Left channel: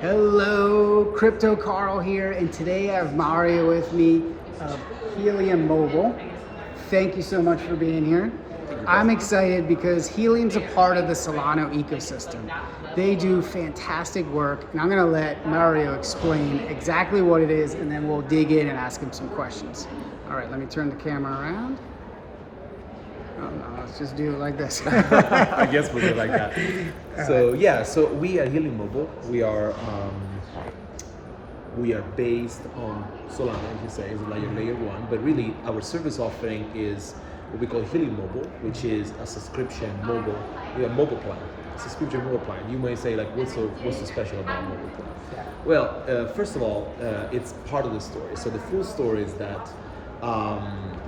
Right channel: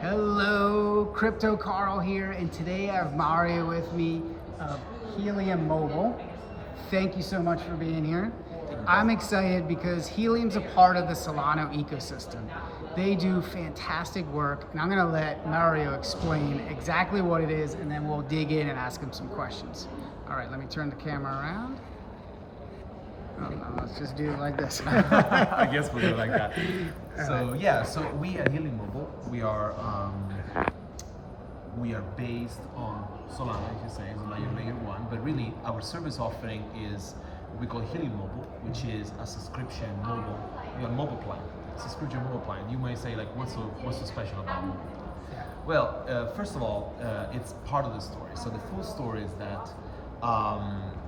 Hello, Crypto Carl here, and today I have Mario with me of Helium Mobile. Thank you so much for being here. I'm excited because Helium's a part of the Solana ecosystem. They do fantastic work, and I'm going to let Mario explain exactly what it is, and then we'll dig in and ask him some questions. All right, let me turn the camera around. Oh, no, let's just do it like this. I guess we'll do it like that. So yeah, so we are Helium Mobile. We are based on Solana, as you say, is like a layer one. But really, our service offering is what we call Helium Mobile, which is a subscription mobile plan. Subscription mobile plan. You may say like, what's so special about mobile plan? Yeah. Well, first of all, it's part of the story. So the full story is that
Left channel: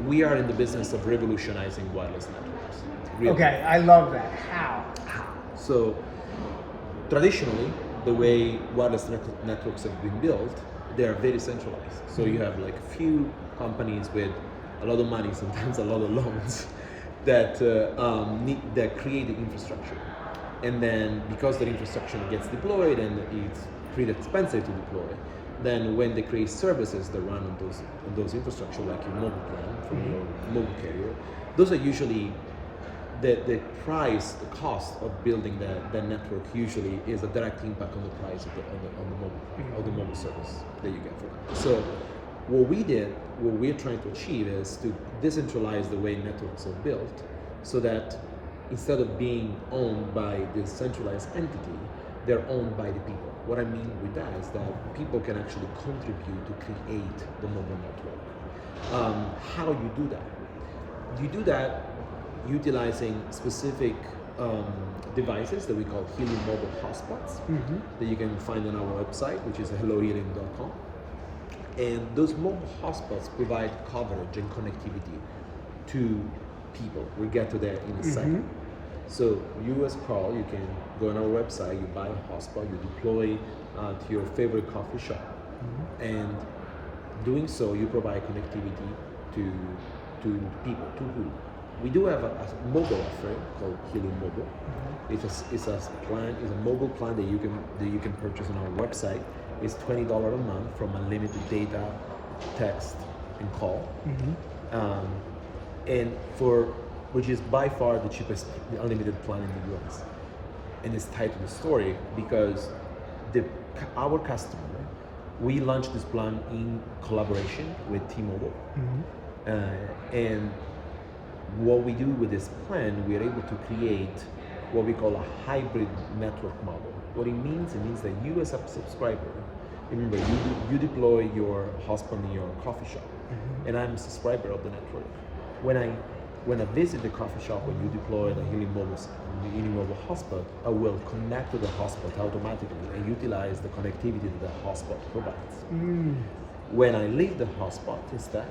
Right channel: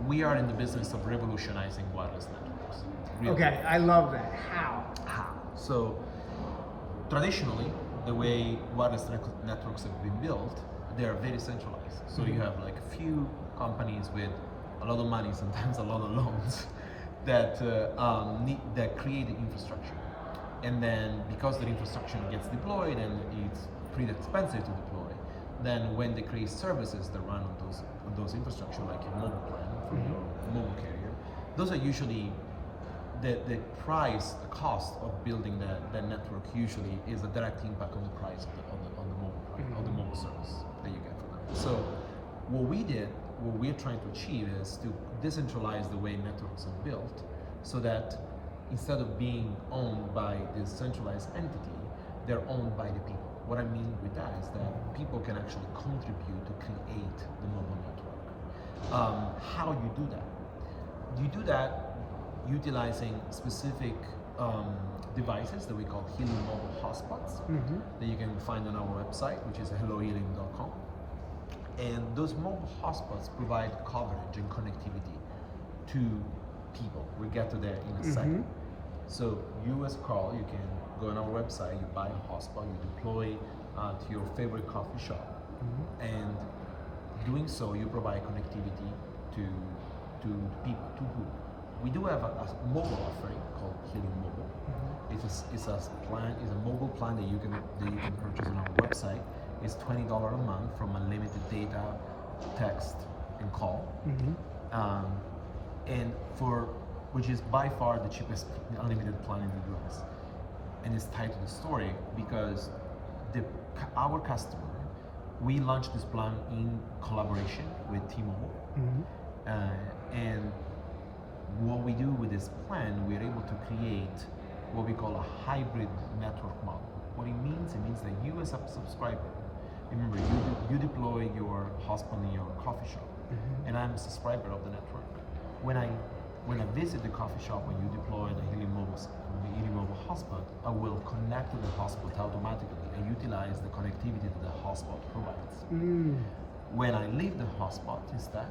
we are in the business of revolutionizing wireless networks. Really. Okay, I love that. How? So traditionally, the way wireless networks have been built, they are very centralized. So you have like a few companies with a lot of money, sometimes a lot of loans, that create the infrastructure. And then because the infrastructure gets deployed and it's pretty expensive to deploy, then when they create services that run on those infrastructure, like your mobile plan from your mobile carrier, those are usually the price, the cost of building the network usually is a direct impact on the price of the mobile plan, or the mobile service that you get for that. So what we're trying to achieve is to decentralize the way networks are built, so that instead of being owned by this centralized entity, they're owned by the people. What I mean with that is that people can actually contribute to create the mobile network. How you do that? You do that utilizing specific devices that we call Helium Mobile Hotspots, that you can find on our website, which is hellohelium.com. And those mobile hotspots provide coverage and connectivity to people. We'll get to that in a second. So you as Carl, you can go on our website, you buy a hotspot, you deploy to your favorite coffee shop, and doing so, you provide connectivity to people. To who? We do have a mobile offering called Helium Mobile. It's a mobile plan that you can purchase on our website. It's $20 a month from unlimited data, text, and call, which is by far the cheapest unlimited plan in the US. And it's tied to the story because our customer, we launched this plan in collaboration with T-Mobile, and what we do with this plan, we are able to create what we call a hybrid network model. What it means that you as a subscriber, remember you deploy your hotspot in your coffee shop, and I'm a subscriber of the network. When I visit the coffee shop, when you deploy the Helium Mobile hotspot, I will connect to the hotspot automatically and utilize the connectivity that the hotspot provides. When I leave the hotspot instead,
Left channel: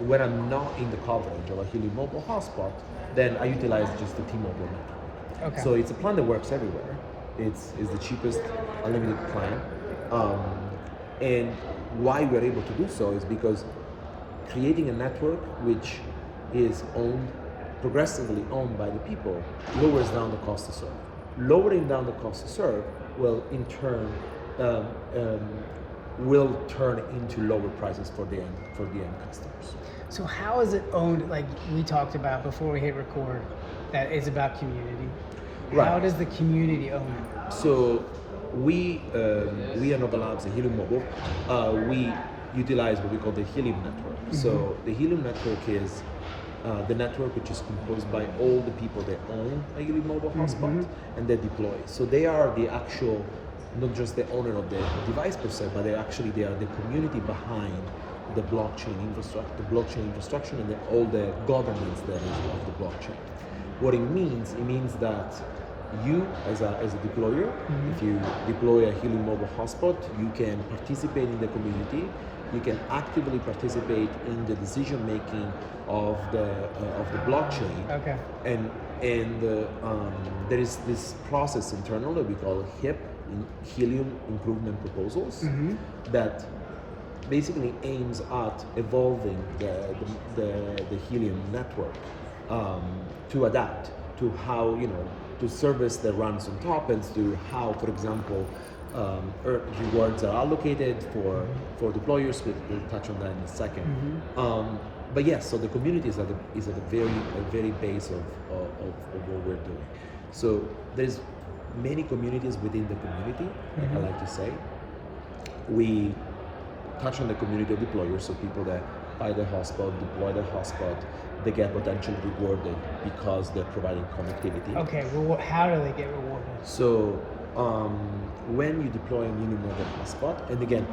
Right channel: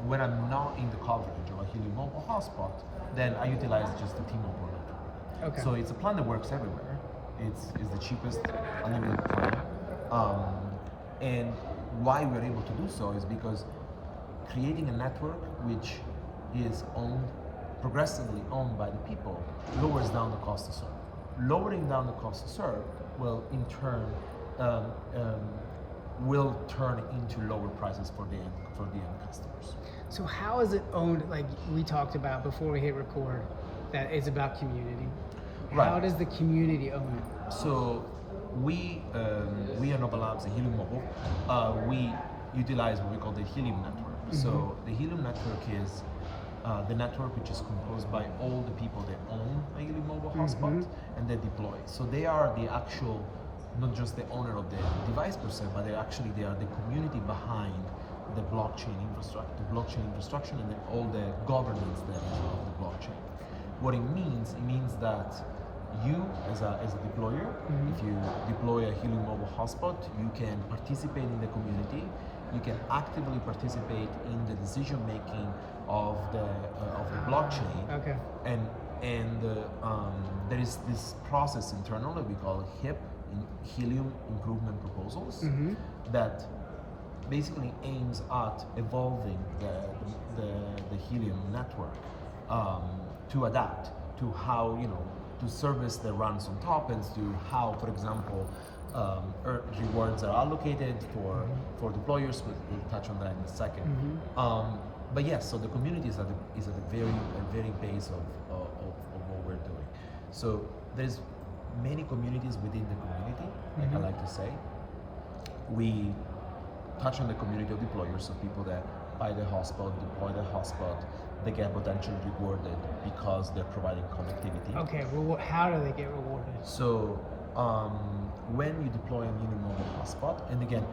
when I'm not in the coverage of a Helium Mobile hotspot, then I utilize just the T-Mobile network. Okay. So it's a plan that works everywhere. It's the cheapest unlimited plan. And why we're able to do so is because creating a network which is progressively owned by the people lowers down the cost to serve. Lowering down the cost to serve will in turn will turn into lower prices for the end customers. So how is it owned? Like we talked about before we hit record, that it's about community. Right. How does the community own it? So we at Nova Labs, the Helium Mobile, we utilize what we call the Helium network. So the Helium network is the network which is composed by all the people that own a Helium Mobile hotspot and they deploy. So they are the actual, not just the owner of the device per se, but they are the community behind the blockchain infrastructure, and all the governance that is of the blockchain. What it means that you as a deployer, if you deploy a Helium Mobile hotspot, you can participate in the community. You can actively participate in the decision making of the blockchain. Okay. And there is this process internally that we call HIP, Helium Improvement Proposals, that basically aims at evolving the Helium network to adapt to how, to service that runs on top, and to how, for example, rewards are allocated for deployers. We'll touch on that in a second. But yes, so the community is at the very base of what we're doing. So there's many communities within the community, like I like to say. We touch on the community of deployers, so people that buy the hotspot, deploy the hotspot, they get potentially rewarded because they're providing connectivity. Okay, how do they get rewarded? So when you deploy a Helium Mobile hotspot, and again,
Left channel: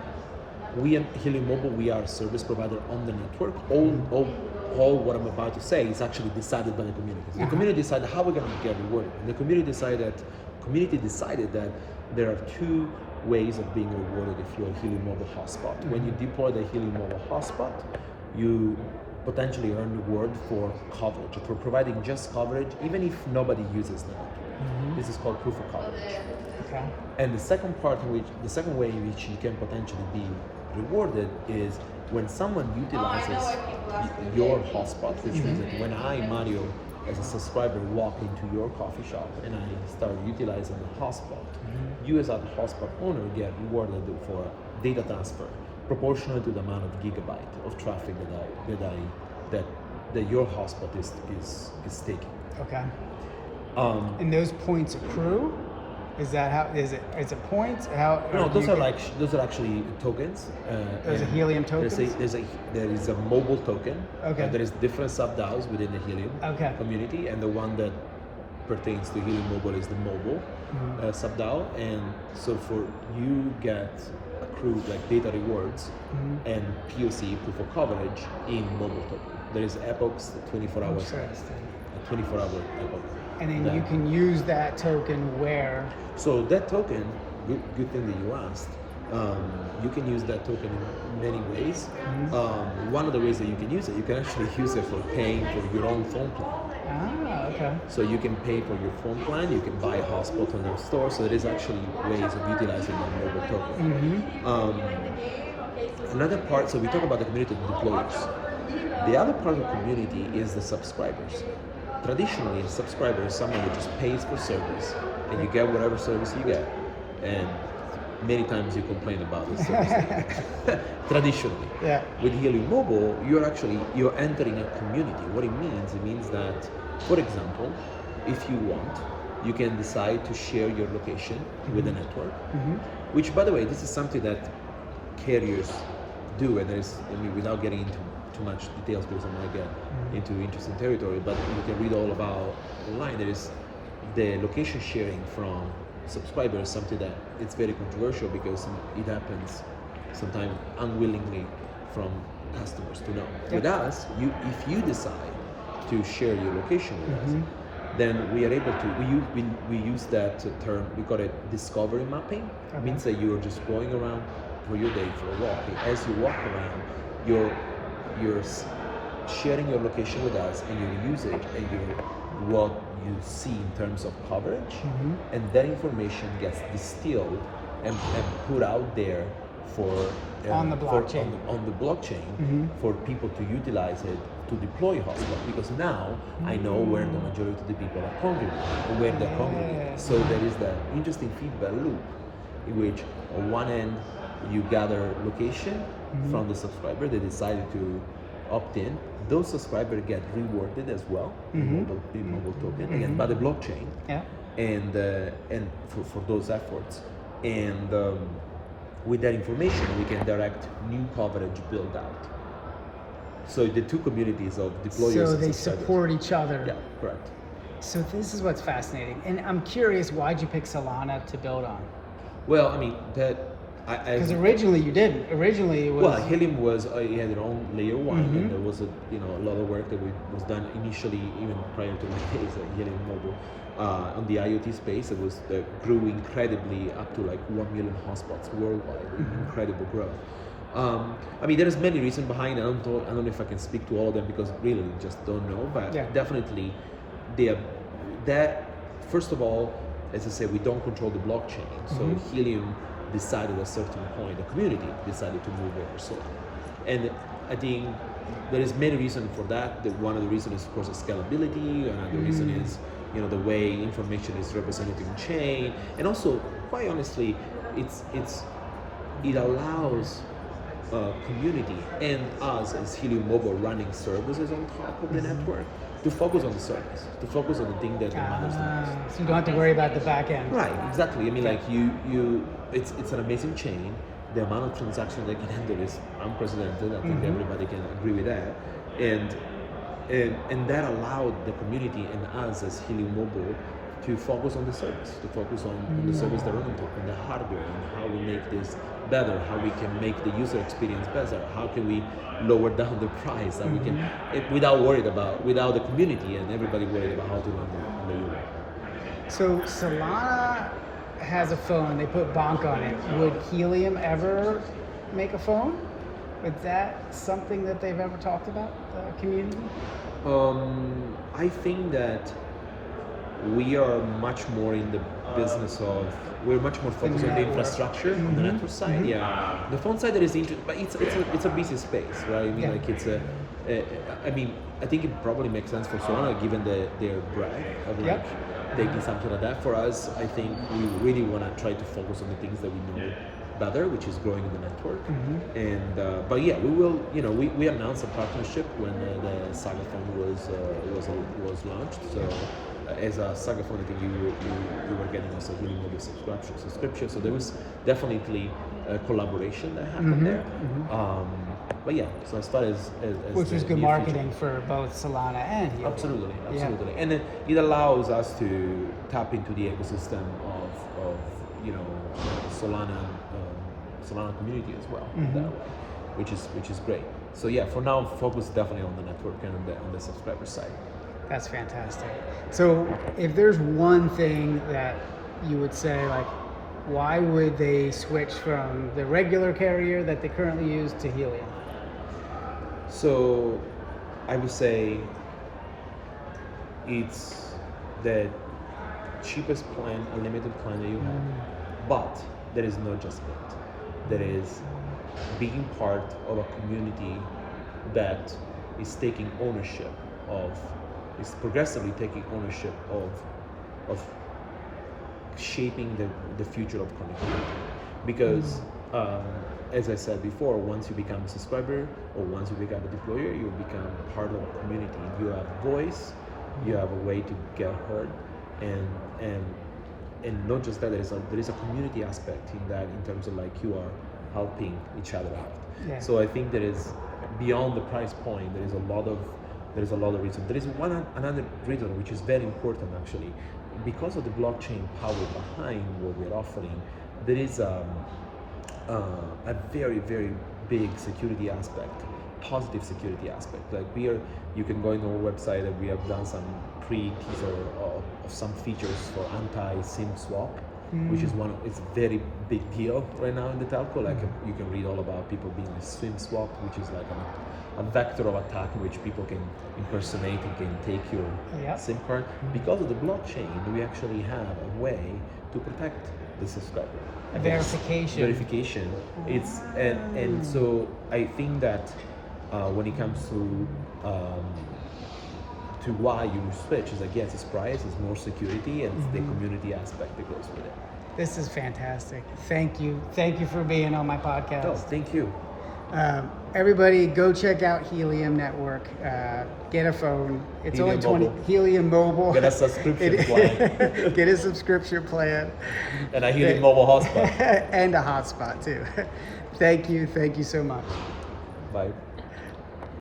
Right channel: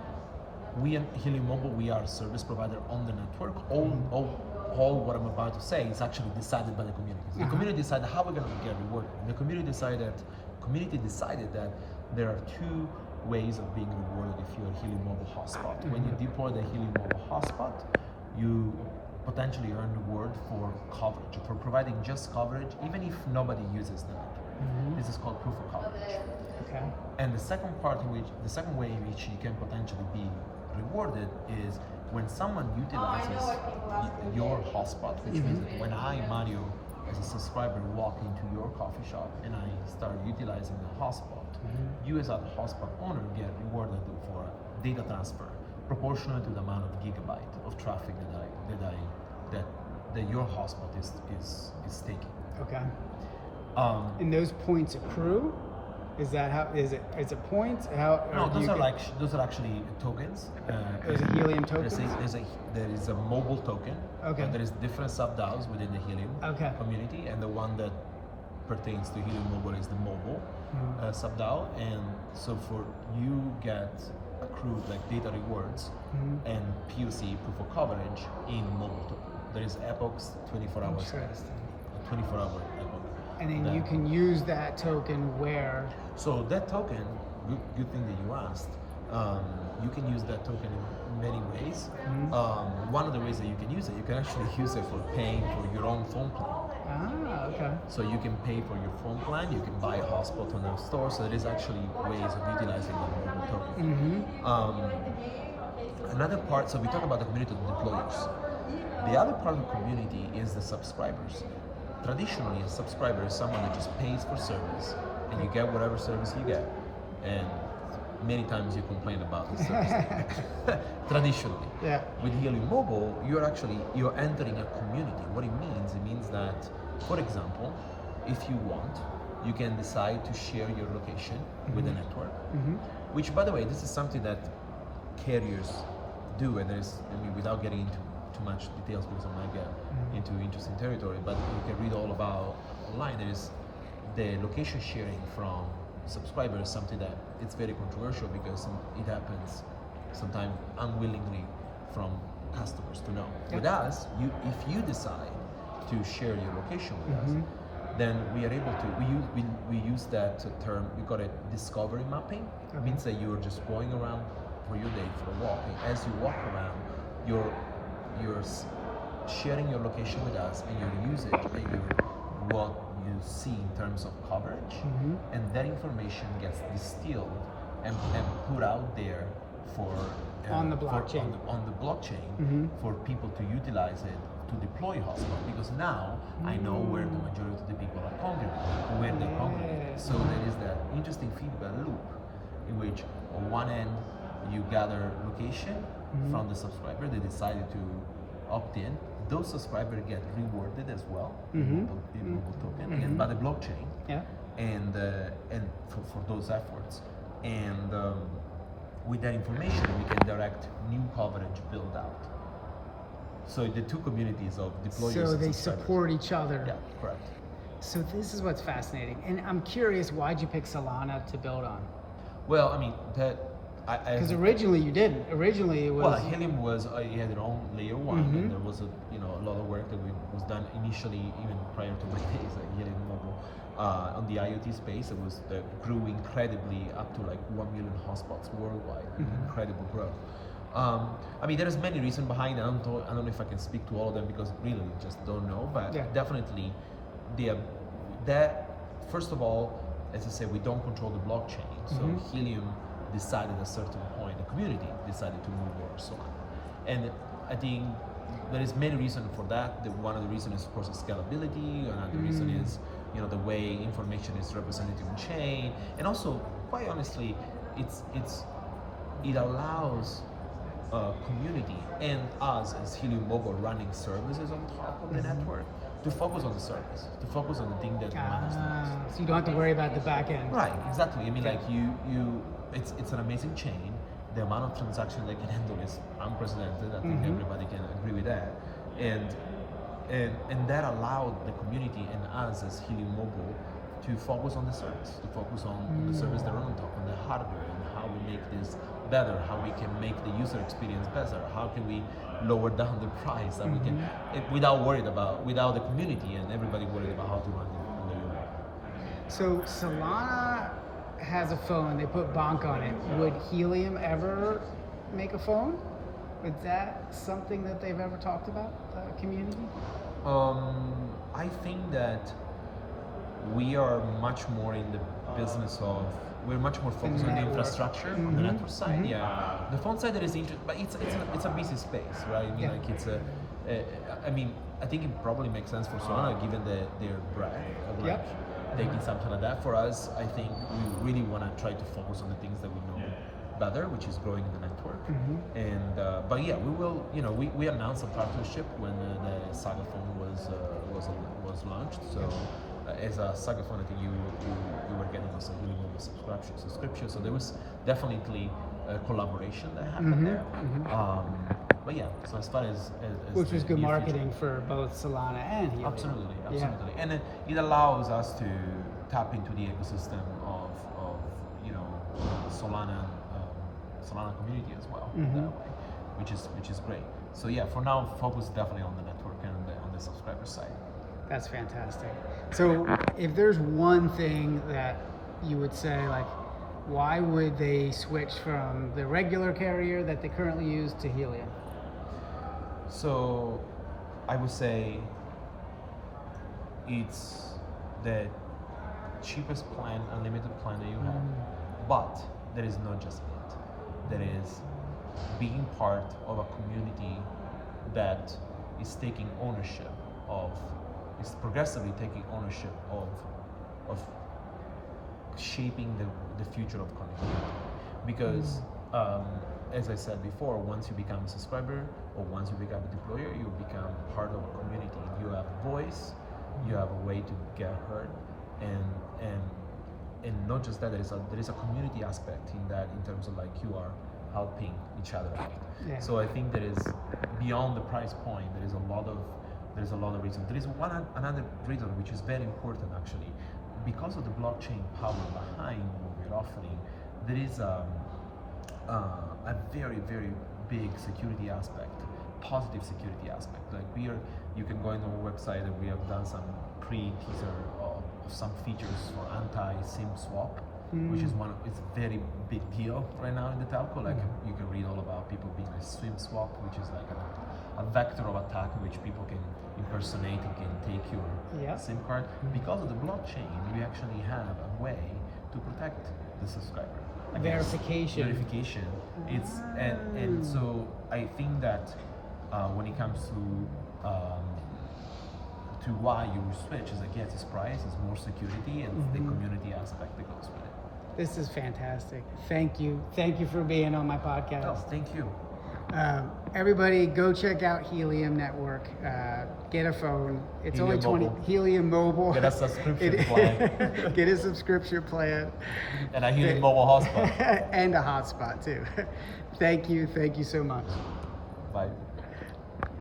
we at Helium Mobile, we are a service provider on the network. All what I'm about to say is actually decided by the community. The community decided how we're going to get rewarded. And the community decided that there are two ways of being rewarded if you're a Helium Mobile hotspot. When you deploy the Helium Mobile hotspot, you potentially earn reward for coverage, for providing just coverage, even if nobody uses the network. This is called proof of coverage. Okay. And the second way in which you can potentially be rewarded is when someone utilizes your hotspot, which means that when I, Mario, as a subscriber, walk into your coffee shop and I start utilizing the hotspot, you as a hotspot owner get rewarded for data transfer proportional to the amount of gigabyte of traffic that your hotspot is taking. Okay. And those points accrue? Is that how? Is it points? How? No, those are actually tokens. There's a Helium tokens? There is a mobile token. Okay. There is different sub-DAOs within the Helium community, and the one that pertains to Helium Mobile is the mobile sub-DAO. And so for you get accrued like data rewards and POC, proof of coverage, in mobile token. There is epochs, 24 hours. Interesting. A 24-hour epoch. And then you can use that token where? So that token, good thing that you asked. You can use that token in many ways. One of the ways that you can use it, you can actually use it for paying for your own phone plan. Ah, okay. So you can pay for your phone plan, you can buy a hotspot on our store, so there is actually ways of utilizing that mobile token. Another part, so we talk about the community of deployers. The other part of the community is the subscribers. Traditionally, a subscriber is someone that just pays for service, and you get whatever service you get. And many times you complain about the service that you get. Traditionally. Yeah. With Helium Mobile, you're entering a community. What it means that, for example, if you want, you can decide to share your location with the network, which, by the way, this is something that carriers do, and without getting into too much details because I might get into interesting territory, but you can read all about online. There is the location sharing from subscribers, something that it's very controversial because it happens sometimes unwillingly from customers to know. With us, if you decide to share your location with us, then we are able to, we use that term, we call it discovery mapping. It means that you're just going around for your day for a walk. As you walk around, you're sharing your location with us and your usage and what you see in terms of coverage, and that information gets distilled and put out there for on the blockchain, on the blockchain for people to utilize it to deploy hotspot, because now I know where the majority of the people are congregated or where they're congregated. So there is that interesting feedback loop in which on one end you gather location from the subscriber. They decided to opt in. Those subscribers get rewarded as well in mobile token, again by the blockchain, and for those efforts. And with that information, we can direct new coverage build out. So the two communities of deployers. So and they subscribers support each other. Yeah, correct. So this is what's fascinating, and I'm curious, why'd you pick Solana to build on? Well, I mean that. Because originally you didn't. Originally it was. Well, Helium was it had their own layer one, and there was a lot of work that was done initially, even prior to my days at Helium Mobile, on the IoT space. It was grew incredibly up to like 1 million hotspots worldwide. Incredible growth. I mean, there's many reasons behind it. I don't know if I can speak to all of them because really just don't know. But definitely, that first of all, as I said, we don't control the blockchain. So Helium decided at a certain point, the community decided to move over Solana. And I think there is many reasons for that. One of the reasons is, of course, scalability. Another reason is, the way information is represented in chain. And also, quite honestly, it allows community and us as Helium Mobile running services on top of the network to focus on the service, to focus on the thing that matters the most. So you don't have to worry about the back end. Right, exactly. I mean, like it's an amazing chain. The amount of transactions they can handle is unprecedented. I think everybody can agree with that, and that allowed the community and us as Helium Mobile to focus on the service, to focus on the service they're on top, on the hardware, and how we make this better, how we can make the user experience better, how can we lower down the price, that we can, without the community and everybody worried about how to run the user. So Solana has a phone, they put Bonk on it. Would Helium ever make a phone? Is that something that they've ever talked about, the community? I think that we are much more in the business of, we're much more focused on the infrastructure, on the network side. Yeah, the phone side that is interesting, but it's a busy space, right? I mean, like I think it probably makes sense for Solana given their breadth of like taking something like that. For us, I think we really want to try to focus on the things that we know better, which is growing in the network. And but yeah, we will. We announced a partnership when the Saga phone was launched. So as a Saga phone, I think you were getting also really mobile subscription. So there was definitely a collaboration that happened there. But yeah, so as far as which is good marketing for both Solana and Helium. Absolutely. And it allows us to tap into the ecosystem of Solana community as well that way, which is great. So yeah, for now, focus definitely on the network and on the subscriber side. That's fantastic. So if there's one thing that you would say, like, why would they switch from the regular carrier that they currently use to Helium? So I would say it's the cheapest plan, unlimited plan that you have, but there is not just it. There is being part of a community that is taking ownership of, is progressively taking ownership of shaping the future of connectivity. Because as I said before, once you become a subscriber or once you become a deployer, you become part of a community. You have voice, you have a way to get heard, and not just that, there is a community aspect in that, in terms of like you are helping each other out. Yeah. So I think there is, beyond the price point, there is a lot of reason. There is another reason which is very important actually, because of the blockchain power behind what we're offering. There is a very, very big security aspect, positive security aspect. Like you can go on our website and we have done some pre-teaser of some features for anti-SIM swap, which is it's a very big deal right now in the telco. Like you can read all about people being a SIM swap, which is like a vector of attack in which people can impersonate and can take your SIM card. Because of the blockchain, we actually have a way to protect the subscriber against verification. It's and so I think that when it comes to why you switch, is like, yes, it's price, it's more security, and it's the community aspect that goes with it. This is fantastic. Thank you for being on my podcast. No, thank you. Everybody go check out Helium Network. Get a phone. It's Helium only Mobile. Helium Mobile. Get a subscription plan. Get a subscription plan. And a Helium Mobile hotspot. And a hotspot too. Thank you so much. Bye.